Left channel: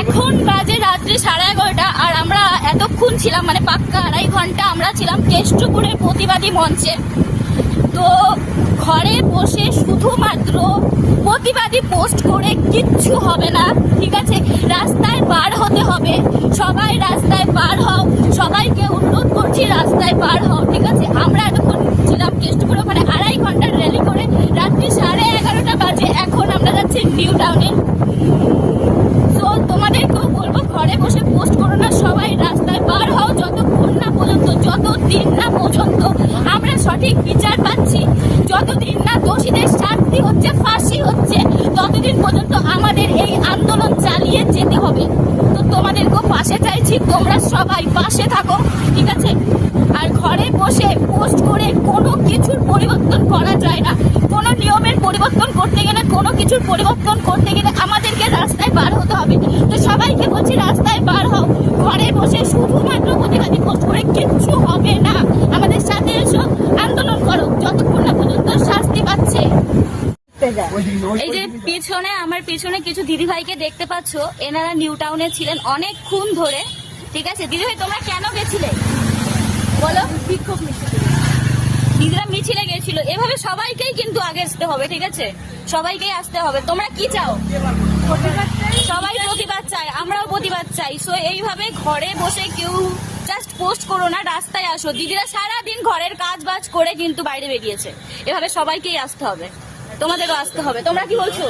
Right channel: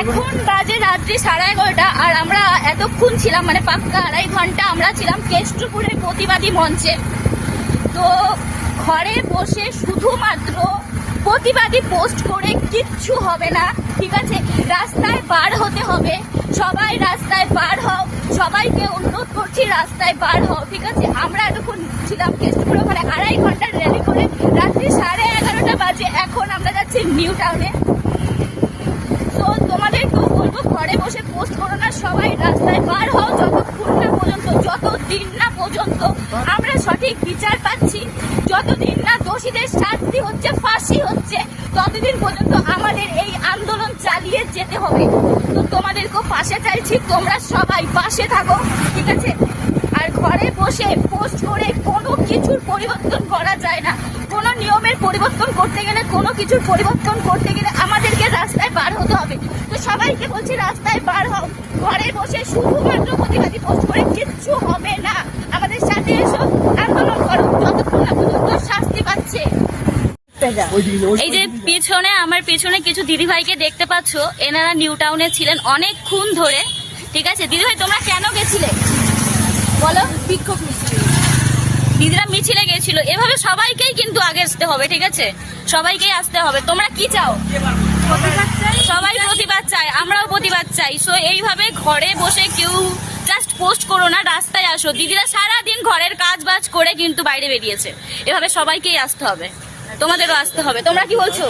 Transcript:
এখন বাজে রাত্রি সাড়ে এগারোটা আর আমরা এতক্ষণ ছিলাম মানে পাক্কা আড়াই ঘণ্টা আমরা ছিলাম কেষ্টপুরের প্রতিবাদী মঞ্চে। তো ঘরে বসে শুধুমাত্র প্রতিবাদী পোস্ট করে কিচ্ছু হবে না, ঠিক আছে? রাস্তায় বার হতে হবে, সবাই রাস্তায় বার হও, সবাইকে অনুরোধ করছি রাস্তায় বার হও, ঠিক আছে? আমরা এতক্ষণ ছিলাম কেষ্টপুরে মানে আড়াই ঘণ্টার র্যালি করে রাত্রি সাড়ে এগারোটা বাজে, এখন আমরা যাচ্ছি নিউ টাউনে। ঘরে বসে পোস্ট করো না, সবাই রাস্তায় বার হও যতক্ষণ না পর্যন্ত যত দিন না পর্যন্ত আমরা সঠিক বিচার পাচ্ছি, যতদিন না দোষীদের শাস্তি হচ্ছে, ফাঁসি হচ্ছে, ততদিন পর্যন্ত আমাদের এই আন্দোলন চালিয়ে যেতে হবে। তো তোমাদেরকেও পাশে চাইছি, তোমরা সবাই পাশে থাকো, ঠিক আছে? আর ঘরে বসে পোস্ট করে কোনো কিছুর পরিবর্তন করা যায় না। কোনো নিয়মের পরিবর্তন করতে গেলে, কোনো কিছুর পরিবর্তন করতে গেলে আমাদেরকে রাস্তায় বার হতে হবে। তো সবাইকে বলছি, রাস্তায় বার হও। ঘরে বসে শুধুমাত্র প্রতিবাদী পোস্ট করে কিচ্ছু হবে না। আমাদের সাথে এসো, আন্দোলন করো, যতক্ষণ না পর্যন্ত শাস্তি পাচ্ছে। এই যে পিছনে, আমার পিছনে কিছু দিদিভাইকে দেখতে পাচ্ছ, এনারা নিউ টাউনে ছিলেন অনেকক্ষণ ধরে। ঠিক আছে? দিদিভাই, তোমরা কেন গেছিলে? বলো। বিক্ষোভ দিদিরা মিছিলে গেছিল। এভাবে আগে আসতে হবে, ঠিক আছে? সবাইকেই আসতে হবে। তোমরা কি চাও? সবাই প্রতিবাদ চাই আমরাও প্রতিবাদ চাই। সো এইভাবে ঘরে বসে কেউ জাস্ট পোস্ট করো না, রাস্তায় আসো। দিদিরা সারা দিন ঘরের কাজ বাজ করে কিন্তু বাইরে বেরিয়েছে। এভাবে সবাইকেই আসতে হবে। তোমাদেরও আসতে হবে। তোমরা কি বলছো?